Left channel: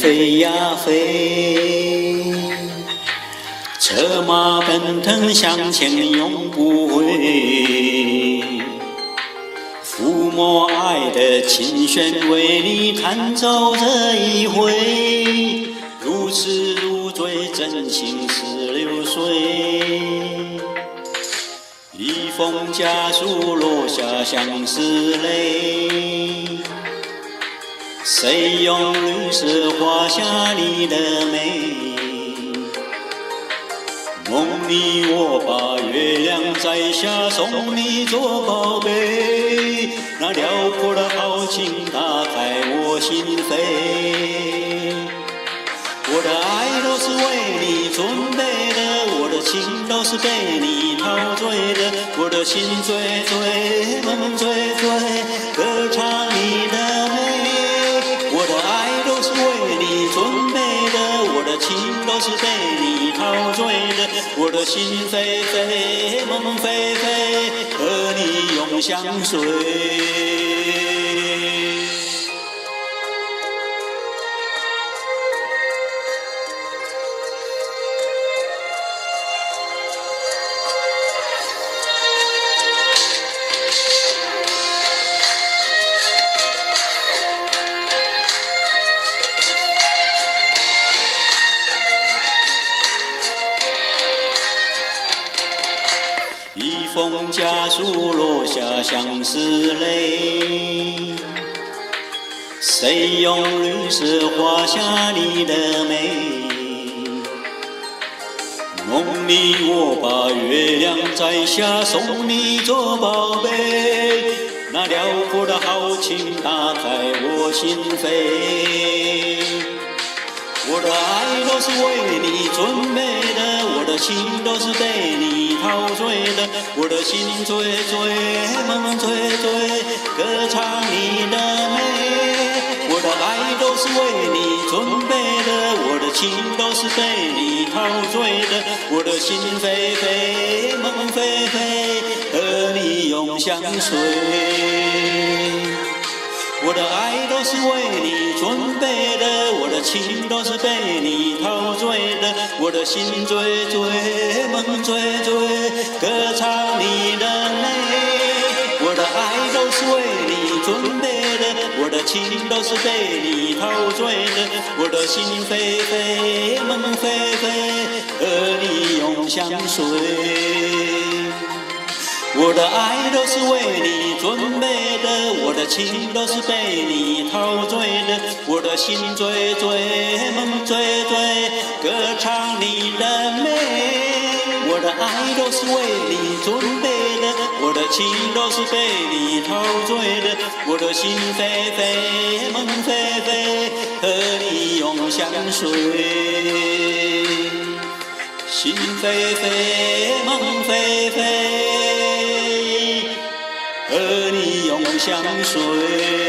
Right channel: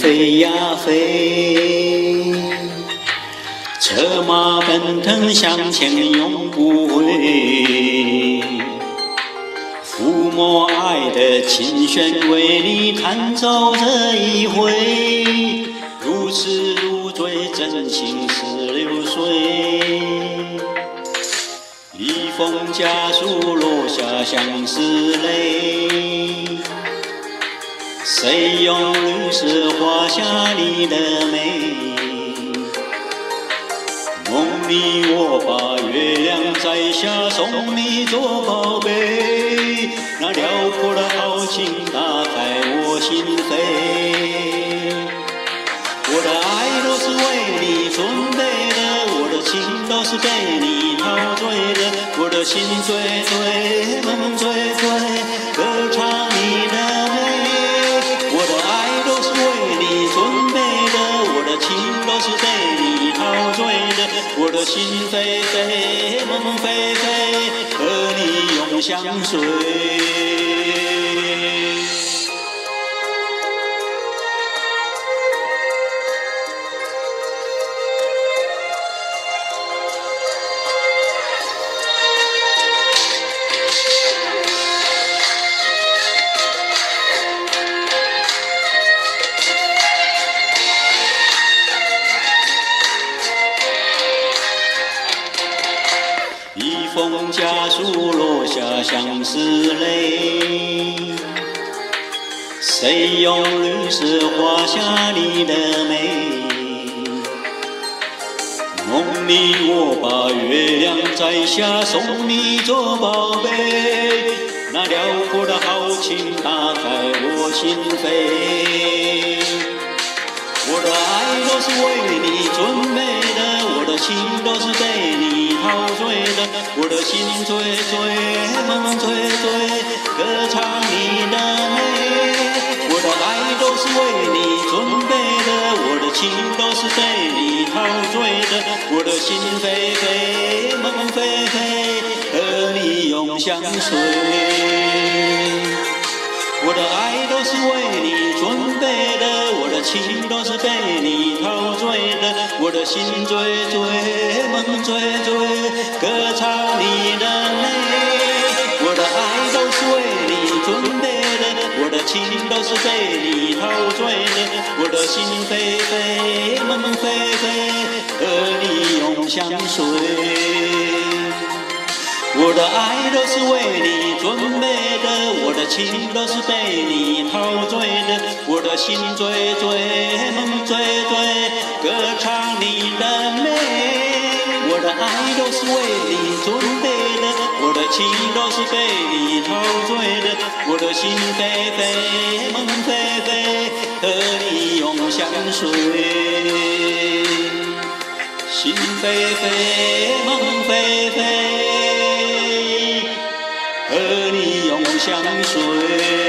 飞呀飞，策马奔腾向前永不回，抚摸爱的琴弦为你弹奏这一回，如痴如醉真情16岁，一封家书落下相思泪，谁用绿色画下你的美？梦里我把月亮摘下送你做宝贝，那辽阔的豪情打开我心扉。我的爱都是为你准备的，我的情都是被你陶醉的，我的心醉醉，梦醉醉，歌唱你的美。我的爱都是为你准备的，我的情都是被你陶醉的，我的心飞飞，梦飞飞，和你永相随。一封家书落下相思泪，谁用绿色画下你的美？梦里我把月亮摘下送你做宝贝，那辽阔的豪情打开我心扉。我的爱都是为你准备的，我的情都是被你陶醉的，我的心醉醉，梦醉醉，歌唱你的美。我的爱都是为你准备的，我的情都是被你陶醉的，我的心飞飞，梦飞飞，和你永相随。我的爱都是为你准备的，我的情都是被你陶醉的，我的心醉醉，梦醉醉，歌唱你的美。我的爱都是为你准备的，我的情都是被你陶醉的，我的心飞飞，梦飞飞，和你永相随。我的爱都是为你准备的，我的情都是被你陶醉的，我的心醉醉，梦醉醉，歌唱你的美。我的爱都是为你准备的，我的情都是被你陶醉的，我的心飞飞，梦飞飞，和你永相随。心飞飞，梦飞飞，和你永相随。